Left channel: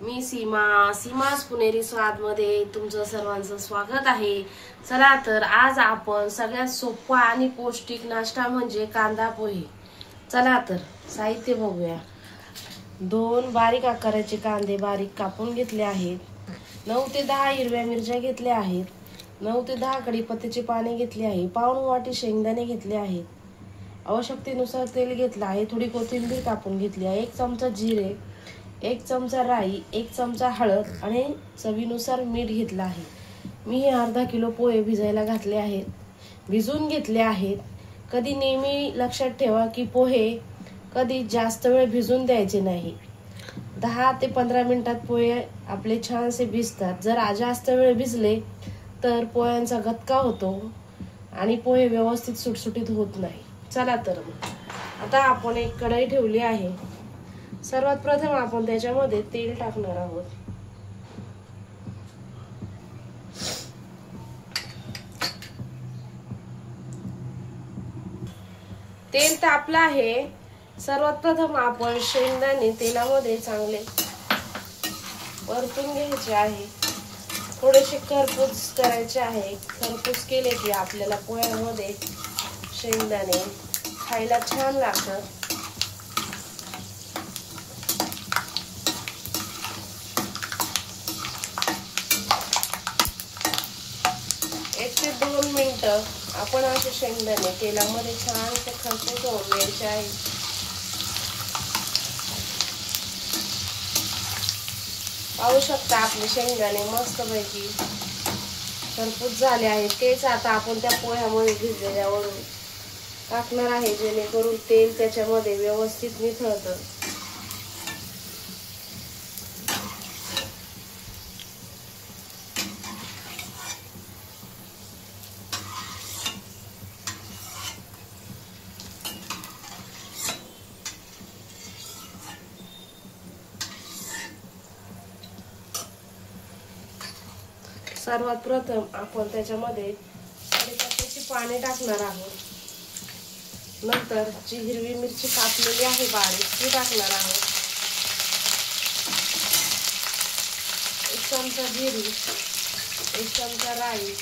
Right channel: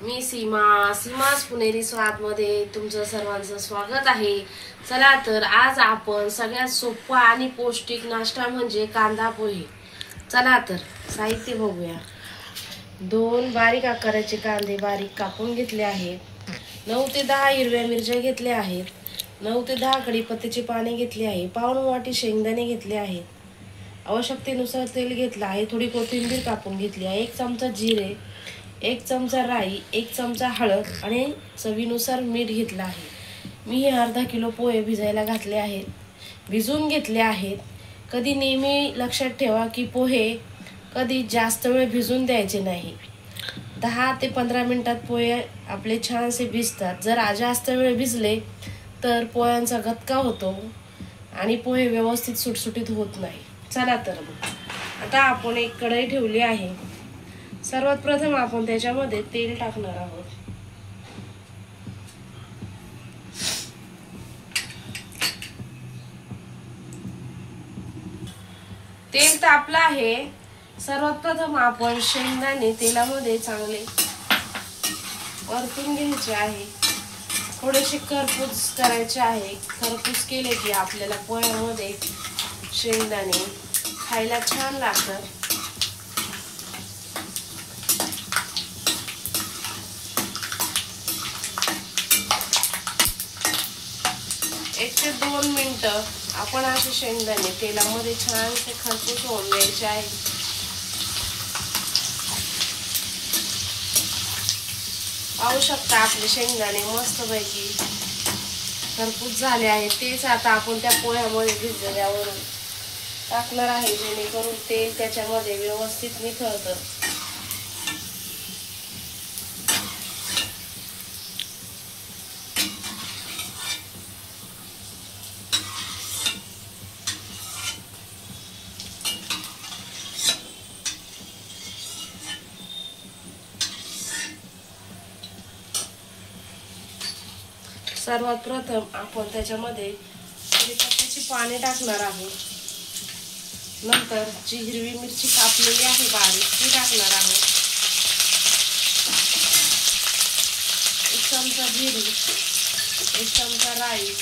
मी सीमास पुणेरी स्वाद मध्ये तुमचं सर्वांचं स्वागत आहे। चला तर आज आपण सगळ्यात सोपा आणि पौष्टिक नाश्ता म्हणजे कांदा पोहे। चला तर साहित्य बघूया। 2 बारीक आकाराचे कांदे बारीक कापून घेतले आहेत। 9 ते 10 हिरव्या मिरच्या घेतल्या आहेत। 9 ते 10 कढीपत्त्याची पाने घेतली आहे। पाऊण वाटी शेंगदाणे घेतले आहेत। आवश्यकतेनुसार तेल घेतलं आहे। थोडी कोथिंबीर कापून घेतली आहे। 1 चमचा जिरे, 1 चमचा राई, 1 चमचा हळद आणि चवीनुसार मीठ घेतलं आहे। मी हे अर्धा किलो पोहे भिजायला घातले आहेत, भिजवून घेतले आहेत। कधी नेहमी लक्षात ठेवा की पोहे कधी जास्त वेळ भिजून द्यायचे नाही। 10 ते 15 मिनिटात पोहे आपले छानसे भिजतात। जर जास्त वेळ भिजले तर पोह्यांचा गटका होतो आणि पोहे व्यवस्थित सुटसुटीत होत नाही। चला तर आता आपण एक कढई ठेवली आहे। सर्वात प्रथम आपण त्याच्यामध्ये तेल टाकणार आहोत। तेल तापलं आहे। सर्वात प्रथम आपण शेंगदाणे तेलामध्ये चांगले परतून घ्यायचे आहे। थोडेसे खरपूस करायचे आहे। खरपूस केले की आपल्याला पोह्यामध्ये शेंगदाणे खायला छान लागतात। 1 ते 2 मिनिटं आपण असे शेंगदाणे तेलामध्ये छानसे खरपूस होऊन द्यायचे आहे। पाहू शकता आपले शेंगदाणे मस्तपैकी खरपूस झाले आहेत। तेच आता आपण त्या पोह्यामध्ये भिजल्यावरून टाकणार आहे, जेणेकरून तेल त्याच्यामध्ये व्यवस्थित निथळतं। सर्वात प्रथम आपण त्याच्यामध्ये कढीपत्त्याची पाने टाकणार आहोत। नंतर जी हिरवी मिरची कापलेली आहे बारीक ती टाकणार आहोत। 1 चमचा जिरे, 1 चमचा राई,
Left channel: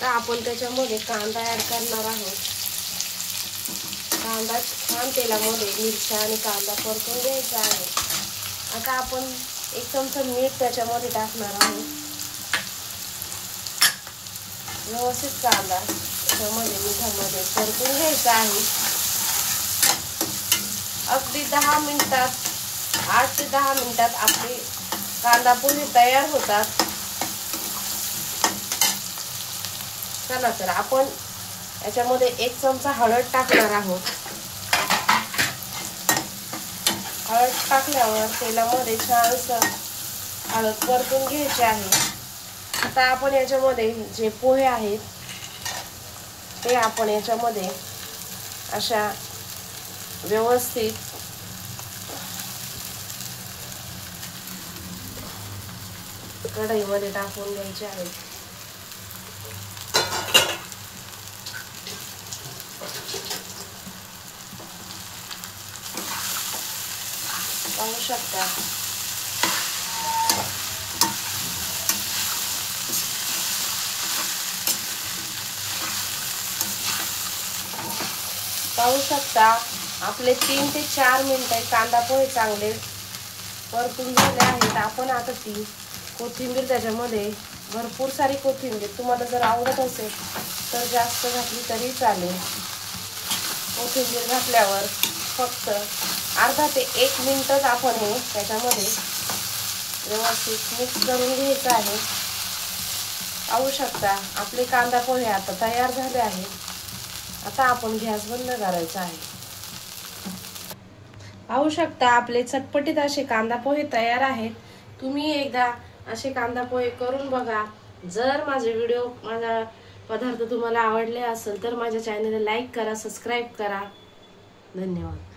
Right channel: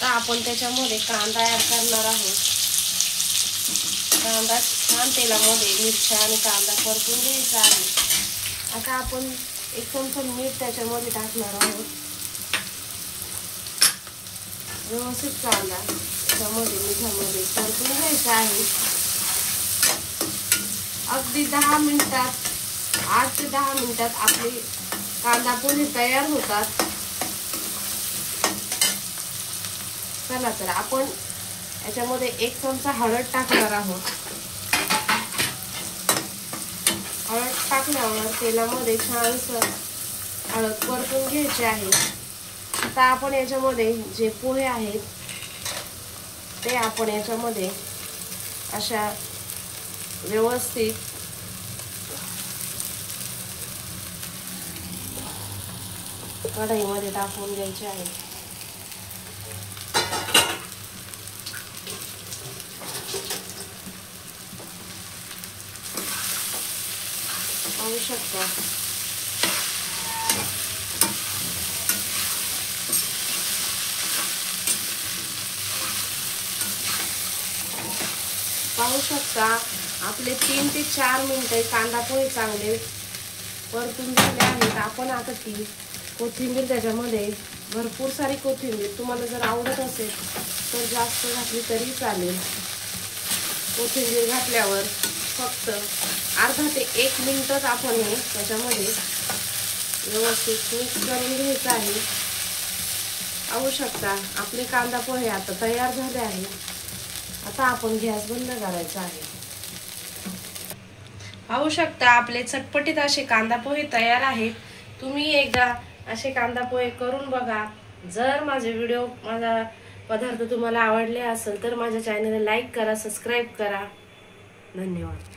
तर आपण त्याच्यामध्ये कांदा ऍड करणार आहोत। कांदा छान तेलामध्ये मिरच्या आणि कांदा परतून घ्यायचा आहे। आता आपण 1 चमचा मीठ त्याच्यामध्ये टाकणार आहोत। व्यवस्थित कांदा त्याच्यामध्ये मिठामध्ये परतून घ्यायचा आहे। अगदी 10 मिनिटात 8 ते 10 मिनिटात आपले कांदा पोहे तयार होतात। चला तर आपण याच्यामध्ये 1 चमचा हळद टाकणार आहोत। हळद टाकल्यावर तेलामध्ये छानसं हळद परतून घ्यायची आहे। आता आपण याच्यामध्ये जे पोहे आहेत ते आपण याच्यामध्ये अशा व्यवस्थित कढईमध्ये टाकून घ्यायचे आहे। पाहू शकता आपले 3 ते 4 मिनिटे कांदा पोहे चांगले परतून झाले आहेत। आपण आता ती कोथिंबीर त्याच्यामध्ये भरपूर सारी कोथिंबीर तुम्हाला जर आवडत असेल तर जास्त घातली तरी चालेल। कोथिंबीर घातल्यावर फक्त अर्धा ते 1 मिनिटच आपण हे त्याच्यामध्ये व्यवस्थित मिक्स करून घ्यायचं आहे। पाहू शकता आपले कांदा पोहे आता तयार झाले आहेत। आता आपण गॅस बंद करायचा आहे। पाहू शकता आपले चटपटीत असे कांदा पोहे तयार आहेत। तुम्ही एकदा असे कांदा पोहे करून बघा। जर माझा पदार्थ तुम्हाला आवडले असेल तर माझ्या चॅनलला लाईक करा, सबस्क्राईब करा। धन्यवाद।